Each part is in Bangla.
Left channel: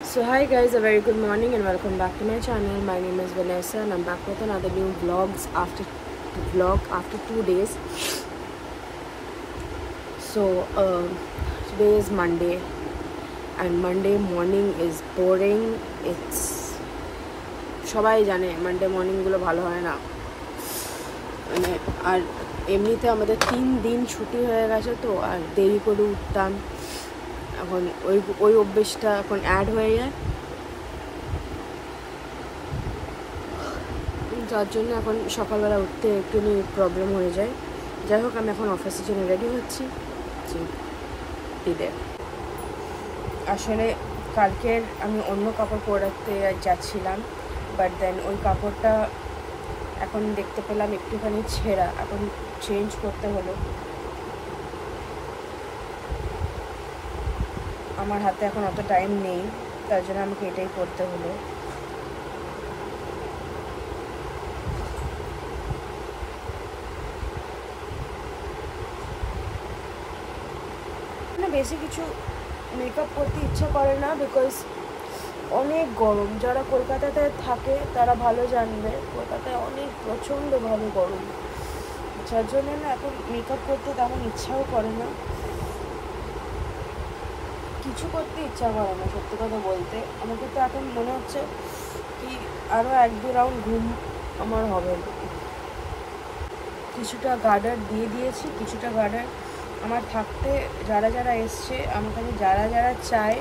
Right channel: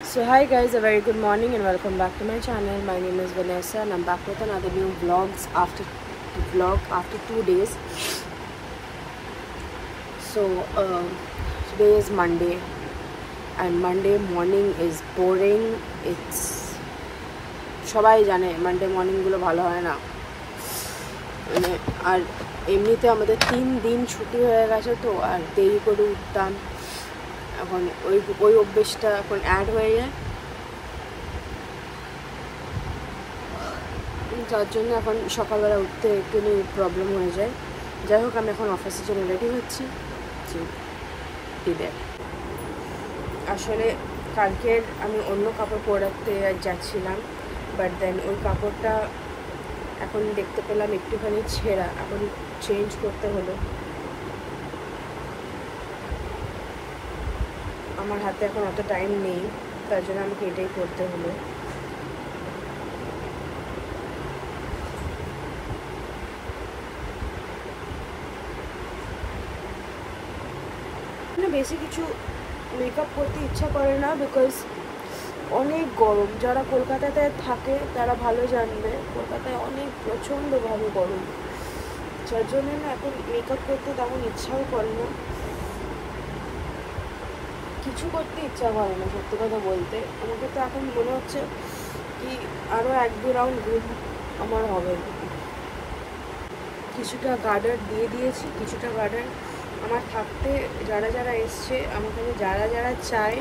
So hi guys, a very good morning and welcome back to my channel. My name is Vanessa and I'm back with another new after 2 days. So today is Monday and Monday morning is boring. It's সবাই জানে মানডে মর্নিং গুলো ভালো হয় না, মানে আর এমনিতে আমাদের 3 দিন ছুটি হয়ে গেছে তো আর দেরি করে উঠতাম, এখন ওই অভ্যেসটা এখন অ্যাড হয়ে যায়, যার জন্য এখন সকালবেলা উঠতে একটু প্রবলেম হয়ে যায়। যাই হোক, আমি এখন অফিসের জন্য রেডি হচ্ছি। আসলে কালকের আমি অন্য কাপড় পরাতে যাচ্ছিলাম, বাট দেন ওই কাপড়টা এখন দেখতে পেলাম একটুখানি ছেঁড়া, এখন চেঞ্জ করতে হলো। আমার হাতে এখন অত টাইম নেই, তার জন্য আমাকে এটাই করতে হলো। বেশি কিছু মেকআপ করতে ইচ্ছা করে না, বিকজ অনেক গরম। যারা কলকাতাতে থাকে তারা ভালো জানবে, কলকাতায় অনেক প্রচণ্ডভাবে গরম, যার জন্য না এখন মেকআপ করতে তেমন ইচ্ছাও করে না, কিছু করতে ইচ্ছা করে না। সত্যি কথা বলতে আমাকে তো এখন মনে হচ্ছে কি আরও 1-2 রাউন্ড ঘুম আমার হবে। কিছুটা গার্ডার দিয়ে দিয়েছি, কিছুটা গার্ডার আমার থাকতে যারা যারা এসছে আমার কাছে, যারা চায়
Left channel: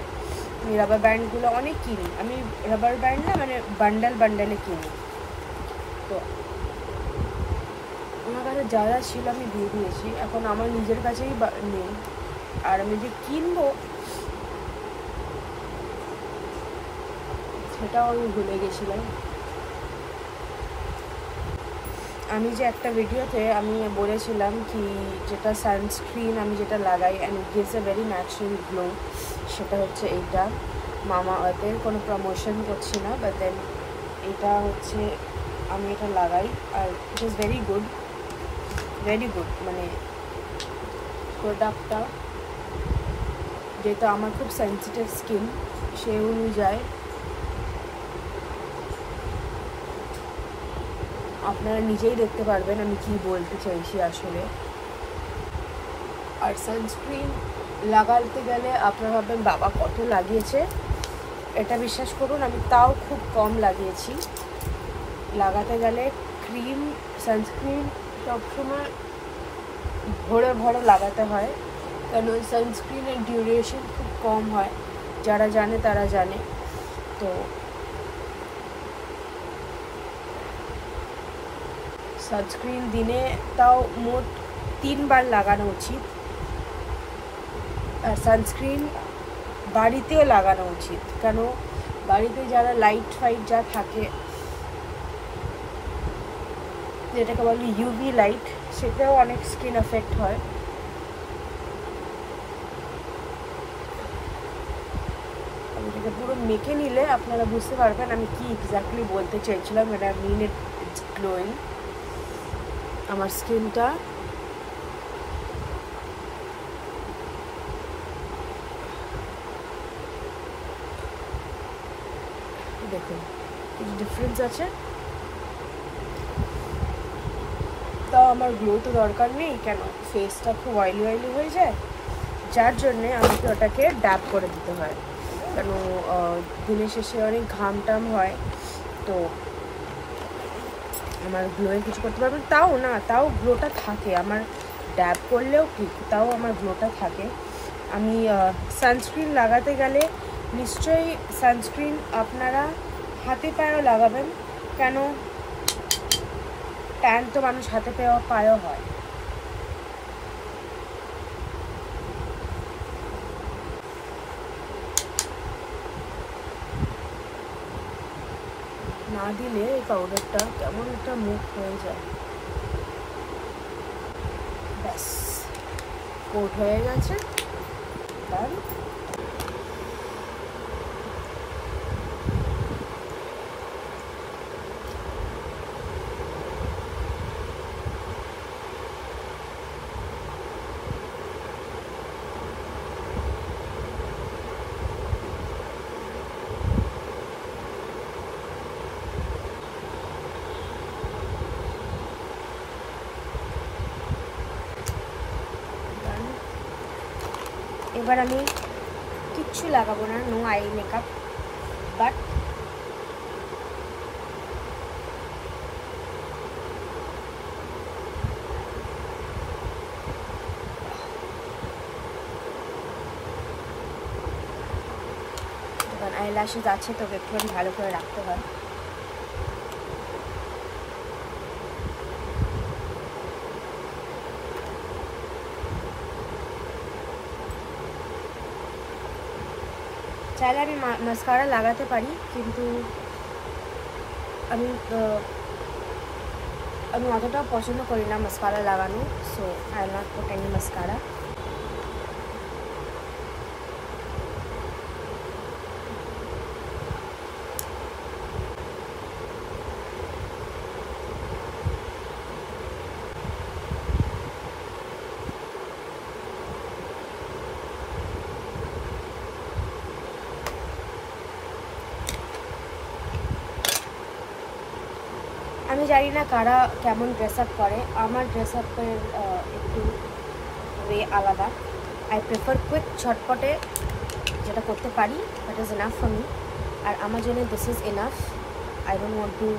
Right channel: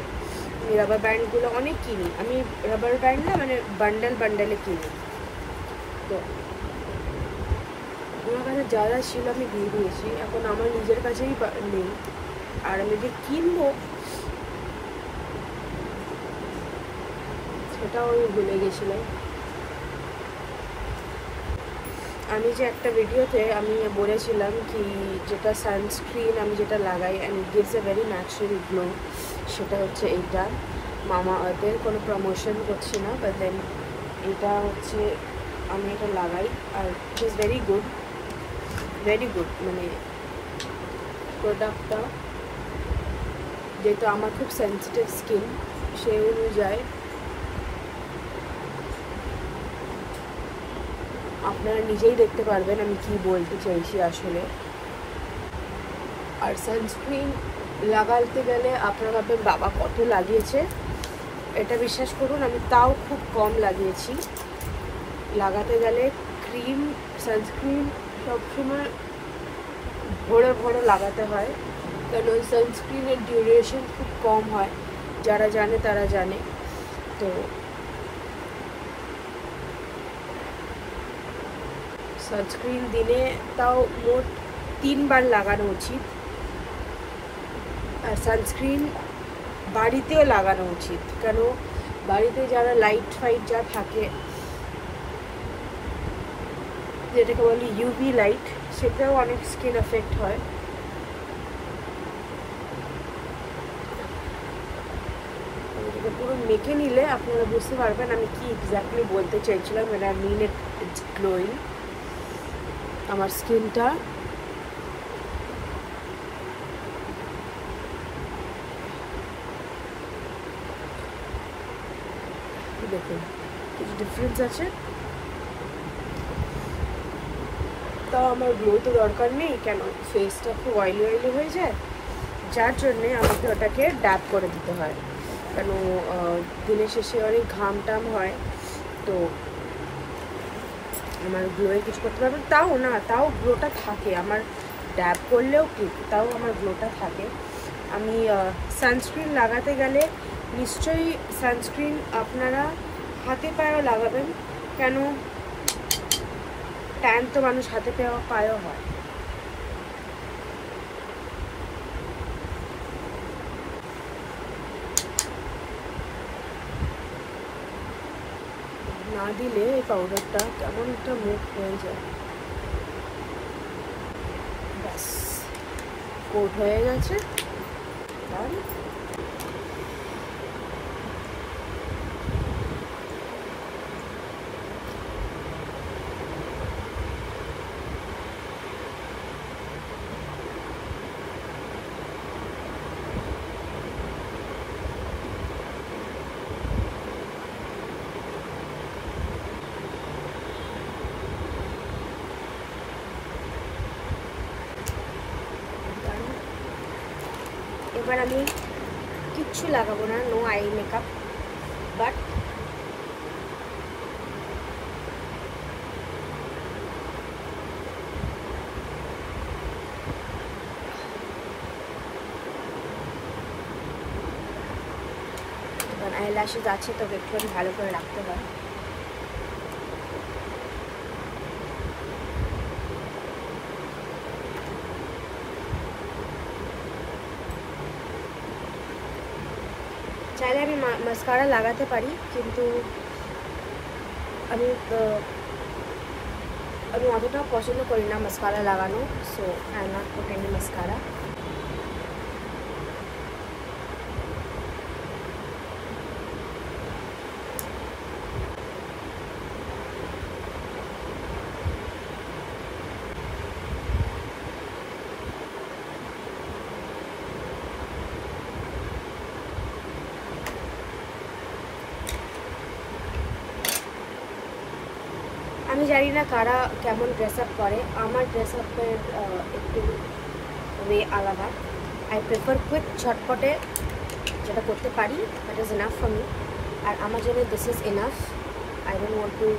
রাবার ব্যান্ডগুলো অনেক কিনি আমি। রাবার ব্যান্ড না, মানে বান্ডেলে কিনি, তো আমার কাছে যারা ছিল আমি দিয়ে দিয়েছি। এখন আমার নিজের কাছেই নেই, আর আমি যে কিনবো সেটাও আমি ভুলে গেছিলাম। আমি যে একটা ভিডিওতে আমি বলেছিলাম কি যেটা সানস্ক্রিন আমি যেটা লাগাই and it gives a very natural glow, সেটা হচ্ছে এইটা মামা আর্থের। কোনো প্রমোশন করছি না, বাট দেন এটা হচ্ছে আমি এটা লাগাই আর ইট ইজ ভেরি গুড, মানে প্রোডাক্টটা যেটা আমার খুব সেন্সিটিভ স্কিন সেই অনুযায়ী আপনারা নিজেই দেখতে পারবেন আমি কি বলতে চাইছি আসলে। আর সানস্ক্রিন লাগাতে গেলে আপনারা ভাববেন বাবা কত লাগিয়েছে, এটা বিশ্বাস করুন আমি তাও খুব কম লাগিয়েছি। লাগাতে গেলে ক্রিম সানস্ক্রিন সবসময় ভরে ভরে লাগাতে হয়, কারণ ওই সানস্ক্রিনের ডিউরেশন খুব কম হয়, যারা জানে তারা জানে। তো সানস্ক্রিন দিনে তাও মোট 3 বার লাগানো উচিত। আর সানস্ক্রিন বাড়িতেও লাগানো উচিত, কেন বাড়িতে যারা লাইট ফাইট যা থাকে যেটাকে বলি ইউভি লাইট, সেটাও অনেক স্কিন এফেক্ট হয়। পুরো মেখে নিলে আপনারা বুঝতে পারবেন আমি কি এক্স্যাক্টলি বলতে চাইছিলাম। এটা মিন ইটস গ্লোয়িং আমার স্কিনটা। দেখুন ডিফারেন্স আছে, তাও আমার গ্লো তো দরকার নেই, কেন ফেসটা খুব অয়েলি হয়ে যায়, যার জন্যে আমাকে ওটাকে ড্যাপ করে দিতে হয়, কেন দিনের শেষে অনেক ঘাম টাম হয়, তো আমার গ্লোয়ে কিছু করতে পারবেন। তাও গ্লোটা থাকে আমার, ড্যাব করলেও ঠিক তাও আমার গ্লোটা থাকে। আমি সানস্ক্রিন লাগাতে গেলে নিশ্চয়ই সানস্ক্রিন আপনারা হাতে পায়েও লাগাবেন, কেন ট্যান তো মানুষ হাতে পায়েও হয়। না দিলে এই পাউডারটা কেমন একটা মুখ হয়ে যায়। ব্যাস কোট হয়ে গেছে। এবার আমি কিচ্ছু লাগাবো না, no eye makeup, but eyelashes আছে তো একটুখানি ভালো করে রাখতে হয়। চাইলে আমি মাস্কারা লাগাতে পারি, কিন্তু আমি অতটাও পছন্দ করি না মাস্কারা লাগানো, so I am not put any mascara. আমি জানি না কারা কেমন ড্রেস আপ করে, আমার ড্রেস আপের একটু ওয়ে আলাদা। আই প্রেফার কুইক, ছটপটে যেটা করতে পারি, that is enough for me. আর আমার জন্য this is enough, I don't want to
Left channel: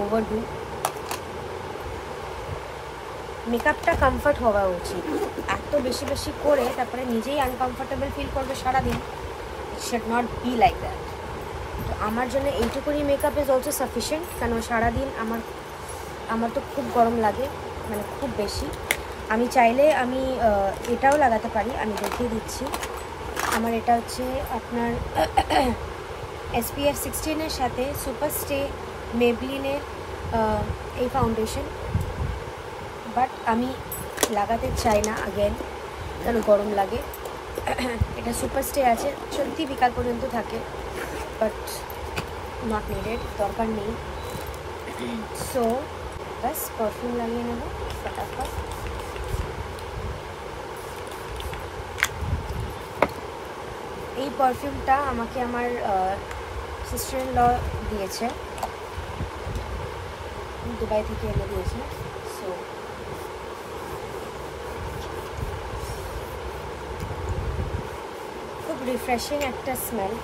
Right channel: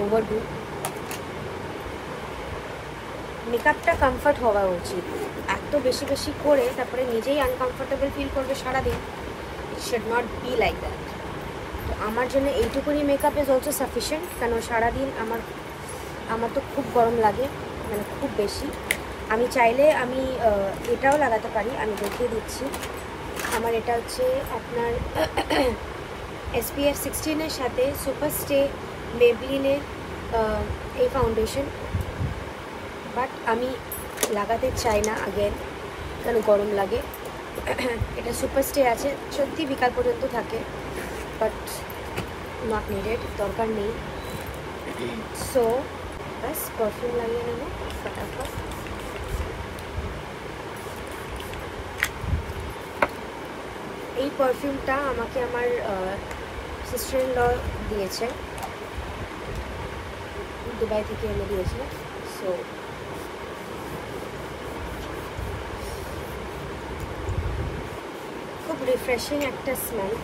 overdo. মেকআপটা কমফর্ট হওয়া উচিত, এত বেশি বেশি করে তারপরে নিজেই আনকমফর্টেবল ফিল করবে সারাদিন, it should not be like that. তো আমার জন্য এইটুকুনি মেকআপ ইজ অলসো সাফিসিয়েন্ট, কারণ সারাদিন আমার তো খুব গরম লাগে, মানে খুব বেশি। আমি চাইলে আমি এটাও লাগাতে পারি, আমি দেখিয়ে দিচ্ছি। আমার এটা হচ্ছে আপনার SPF 16-এর সাথে সুপার স্টে মেবলিনের এই ফাউন্ডেশন, বাট আমি লাগাতে চাই না আগেন, কারণ গরম লাগে। এটা সুপার স্টে আছে, সত্যি বিকাল পর্যন্ত থাকে, বাট নট নিডেড, দরকার নেই। সো বাস পারফিউম লাগিয়ে নেব ফটাফট। এই পারফিউমটা আমাকে আমার সিস্টার ইন ল দিয়েছে, দুবাই থেকে এনে দিয়েছিল। সো খুব রিফ্রেশিং একটা স্মেল।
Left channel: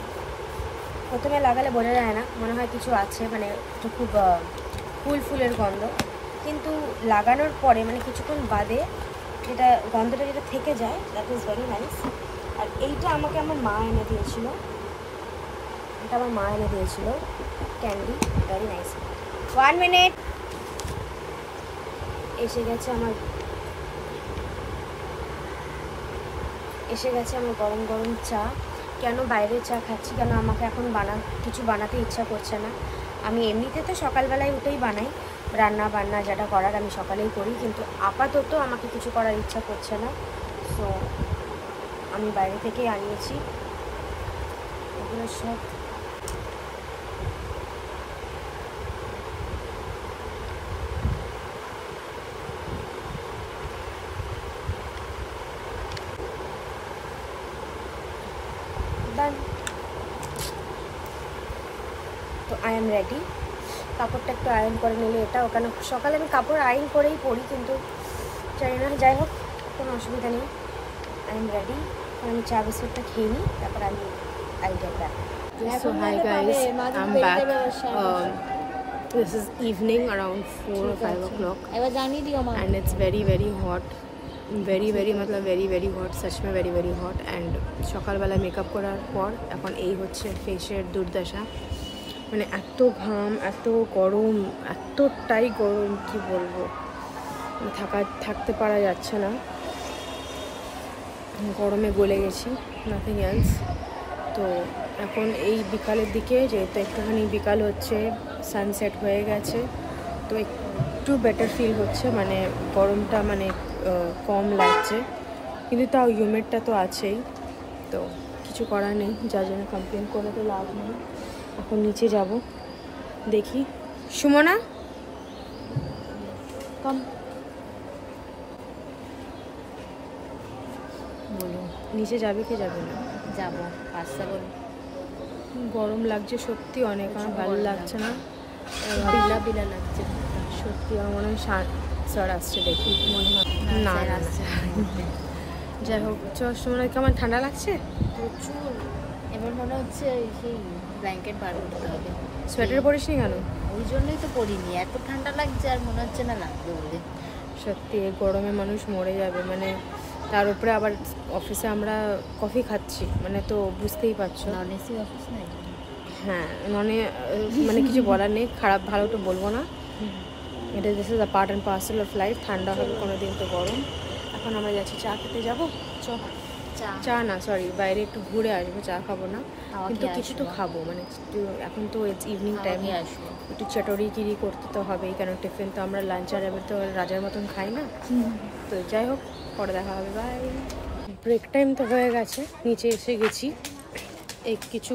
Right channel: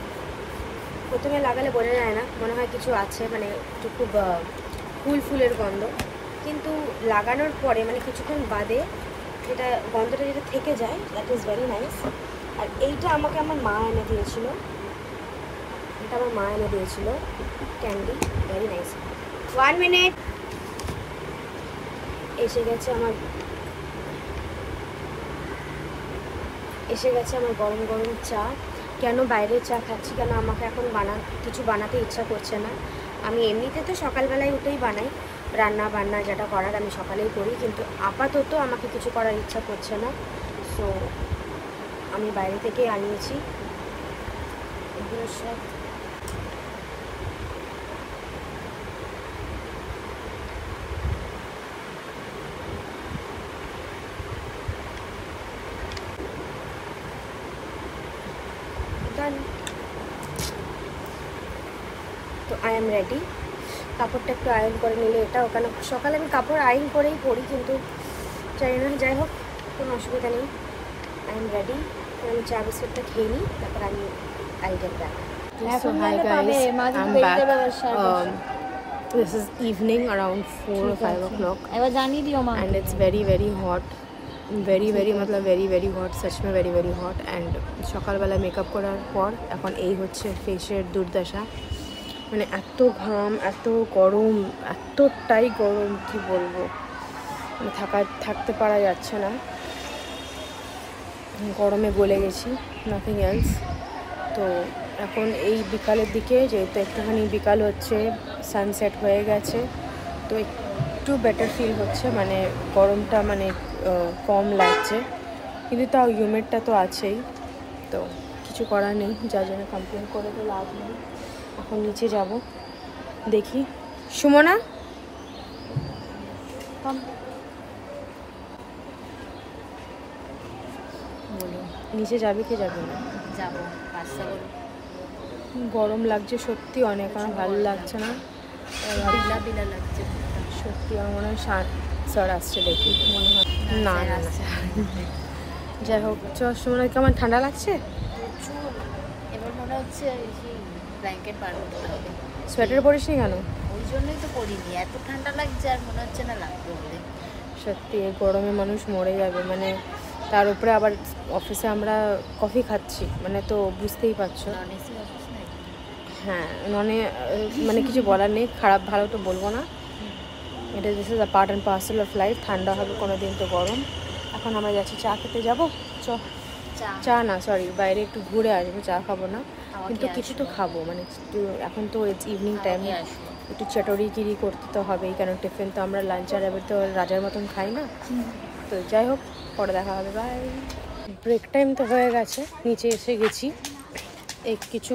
প্রথমে লাগালে বোঝা যায় না, মনে হয় কিছু আছে, মানে একটু খুব ফুলের গন্ধ, কিন্তু লাগানোর পরে মানে কিছুক্ষণ বাদে যেটা গন্ধটা যেটা থেকে যায়, দ্যাট ইজ ভেরি নাইস। আর এইটা আমাকে আমার মা এনে দিয়েছিল, এটা আমার মা এনে দিয়েছিল ক্যান্ডি, ভেরি নাইস। 1 মিনিট, এসে গেছে আমার গরম গরম চা। কেন বাইরের চা খাচ্ছি, কেন আমাকে এখন কিছু বানাতে ইচ্ছা করছে না। আমি এমনিতে তো সকালবেলায় উঠেই বানাই, রান্না বান্না যেটা করার আমি সকালেই করি, কিন্তু আপাতত আমাকে কিছু করার ইচ্ছা করছে না। সো আমি বাইরে থেকেই আনিয়েছি এগুলো সব। তো আই এম রেডি। কাপড়টা একটু আয়রন করে নিলে এটা, ওখানে সকালে আমি কাপড় আয়রন করেই পরি, কিন্তু চাই না, যাই হোক কোনো অসুবিধা নেই। I am ready. আমি চা বিস্কুটটা খেয়ে নিই, তারপর I'll get back. So hi guys, I'm back. This is evening around 4 or 5 o'clock and it's very very hot, मतलब very hot, सच में very hot। and সকালবেলা মেকআপ করার পর এখন এই হচ্ছে ফেসের দুর্দশা, মানে এত ঘাম, এত গরম, এতটাই গরম কি বলবো, থাকতে পারা যাচ্ছে না, গরমে গলে গেছি, নাথিং এলস। তো এখন এই বিকালের দিকে, যেহেতু একটুখানি বিকাল হচ্ছে, সানসেট হয়ে গেছে, তো একটু বেটার ফিল হচ্ছে, মানে গরমটা মানে কম লাগছে, কিন্তু তাও হিউমিডটা তো আছেই, তো কিছু করার নেই, যার জন্য কমপ্লেন করে তো লাভ নেই। এখন নিচে যাব, দেখি। সুমনা কম, বলো নিচে যাবে কি যাবে না? যাবো, রাস্তা বলো। গরম লাগছে সত্যি অনেক, আমার ভালো লাগছে না, বিলা লাগছে সত্যি। আমার মনে হয় স্যার আসছে, দেখি মনে হয়, না যাই হোক সময় কেমন ঠান্ডা লাগছে? প্রচুর। এবার মনে হচ্ছে সেই ব্ল্যাঙ্কেট বার করতে হবে। সোয়েটার পরিস নি কেন? ওই জন্যই তো পরিনি, এত ঠান্ডা লাগছে আর মনে হচ্ছে না লাগবে বলে। সত্যি এই গরমে মানুষ মরে যাবে, মানে তার উপরে আবার অফিসে আমরা কফি খাচ্ছি, মানে তো বুঝতেই পারছো। হ্যাঁ মানে কিছু বলার নেই, খারাপ ভালো তো বলবো না, এটা this is a part and parcel of life. ঠান্ডা হবে কোনো দিন তো গরম। এখন আমরা যাচ্ছি চা খেতে যাবো। চা না, সরি, বাইরে একটু ঘুরে আসবো, চা খাবো না, কিন্তু কিছু তো খাবো, মানে এখন তো ইটস ইভিনিং টাইম, একটু চটরি করতে তো হবেই, কেন টিফিন তো আমরা লাঞ্চ আর এবার তো রাজার মতন খাই না। তো যাই হোক, পরে দেখা হবে, বাই। ব্রেক টাইম তো হয়ে গেছে, নিচে এসে গেছি। এই কিছু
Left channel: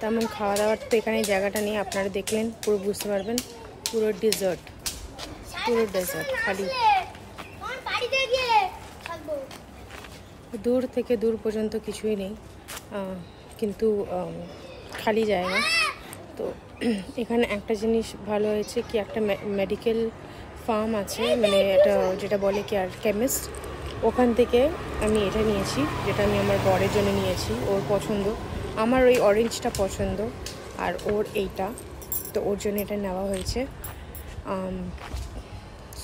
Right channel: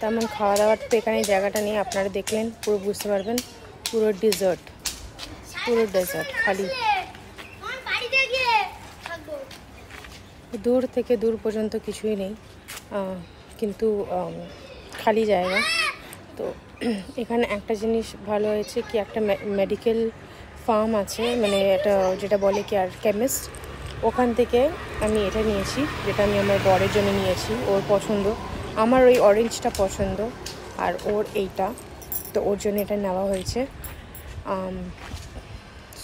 তেমন খাওয়া দাওয়ার তো এখানে জায়গাটা নেই, আপনারা দেখলেন পুরো বুঝতে পারবেন, পুরো ডেজার্ট খালি, দূর থেকে দূর পর্যন্ত কিছুই নেই, কিন্তু খালি জায়গা। তো এখানে একটা জিনিস ভালো হয়েছে কি, একটা মেডিকেল ফার্ম আছে, মানে এটা যেটা বলে কি আর কেমিস্ট, ওখান থেকে আমি এটা নিয়েছি, যেটা আমি আমার বরের জন্য নিয়েছি, ওর পছন্দ। আমার ওই অরেঞ্জটা পছন্দ আর ওর এইটা, তো ওর জন্য এটা নেওয়া হয়েছে।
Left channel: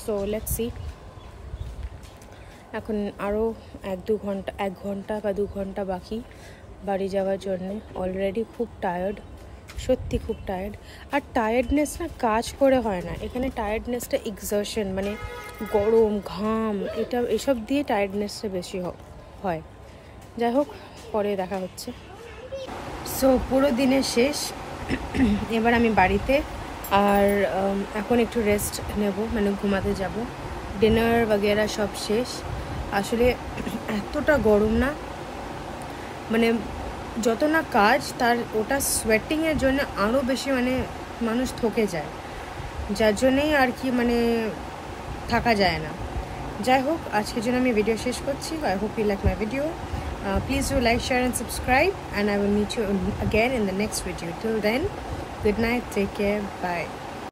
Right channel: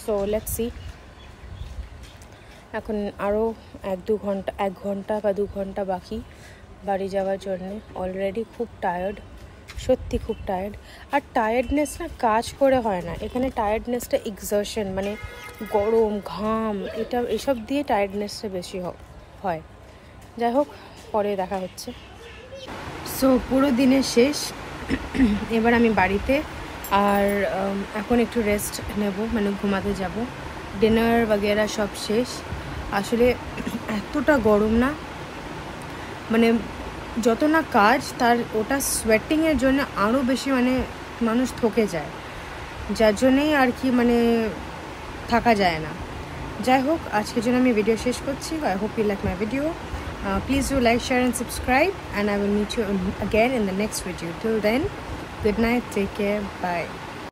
So let's see. এখন আরও 1 ঘন্টা বা 2 ঘন্টা বাকি বাড়ি যাওয়ার জন্যে। অলরেডি খুব টায়ার্ড, সত্যি খুব টায়ার্ড। আর টায়ার্ডনেস না কাজ করে হয় না, এখানে টায়ার্ডনেসটা এক্সারশন, মানে গরম ঘাম এসব দিয়ে টায়ার্ডনেসটা বেশি হয়। যাই হোক, পরে দেখা হচ্ছে। সো পুরো দিনের শেষ, এবার আমি বাড়িতে, আর এখন একটু রেস্ট নেব, মানে ঘুমাতে যাব। ডিনার বগেরা সব শেষ। আসলে এতটা গরম না, মানে যত না কাজ তার ওটা সোয়েটিংয়ের জন্য আরও বেশি, মানে মানুষ থকে যায়, যার জন্যেই আর কি মানে থাকা যায় না। যাই হোক, আজকের জন্য আমি ভিডিও শেষ করছি। I hope you like my video. Please do like, share and subscribe, and I will meet you again in the next video. Till then, good night, take care, bye.